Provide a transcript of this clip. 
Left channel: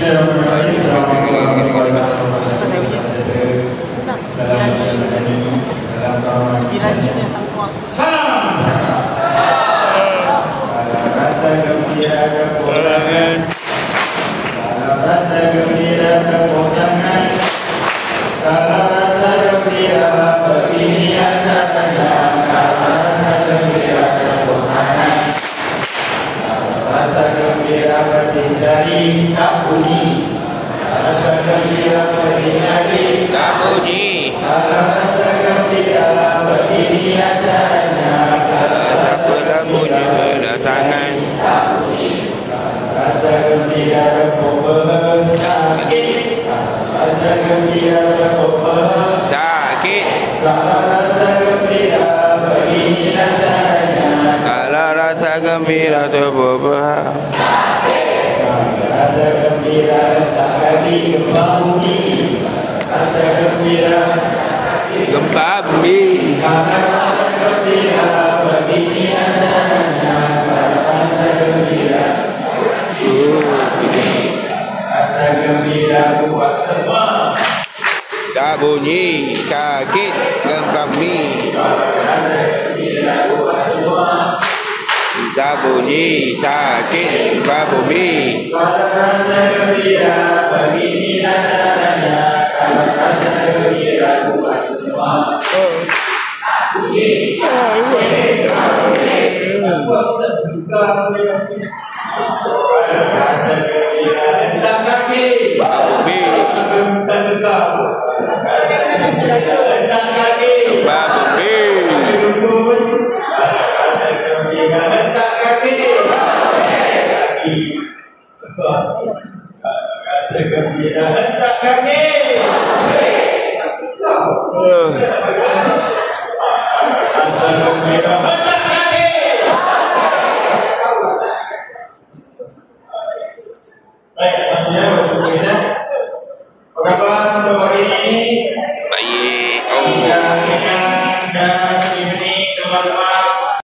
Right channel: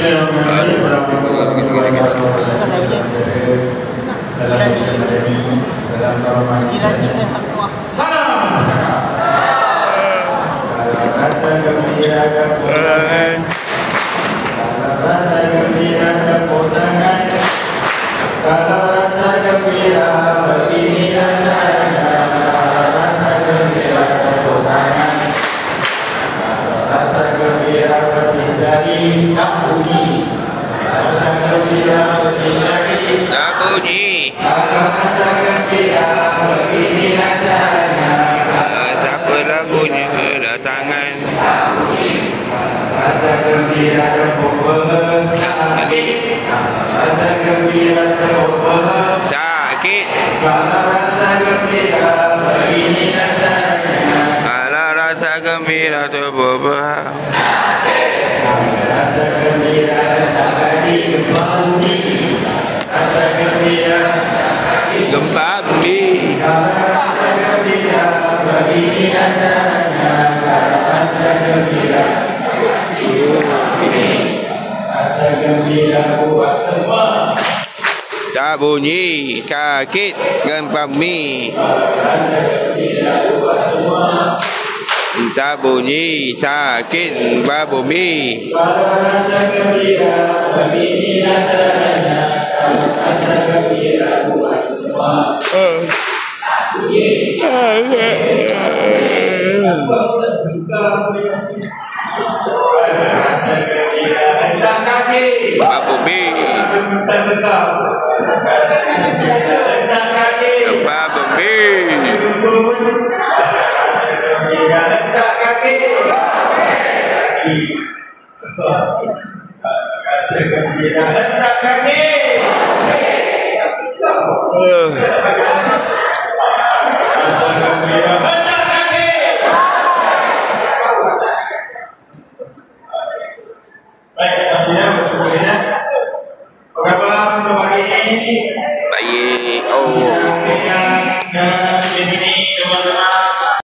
Bismillahirrahmanirrahim. Assalamualaikum warahmatullahi wabarakatuh. Salam Madani, salam Karomah Islamiyah. Salam. Kalau rasa gembira kepulangan, kalau rasa gembira kepulangan, kalau rasa gembira begini acaranya, kalau rasa gembira kepulangan, kalau rasa gembira berhindari tak bunyi, rasa gembira berhindari tak bunyi, kalau rasa gembira begini acaranya, siapa lagunya datangan rasa gembira tepuk sakit, rasa gembira tepuk sakit, kalau rasa gembira begini caranya, kalau rasa gembira terbebah, rasa gembira tak jadi gempa bumi, rasa gembira gempa bumi, kalau rasa gembira begini caranya, kalau rasa gembira rasa gembira buat semua. tak bunyi sakit gempa bumi, tak bunyi sakit gempa bumi, Kalau rasa gembira begini caranya, kalau rasa gembira buat semua. Rasa gembira hendak kaki, gempa bumi, gemetar tegak. Rasa gembira hendak kaki, gempa bumi, rasa gembira hendak kaki. Kaki. Rasa gembira hendak kaki. Kaki kau. Rasa gembira hendak kaki. Baik, alhamdulillah bersyukur. Apa khabar untuk pagi ini? baik.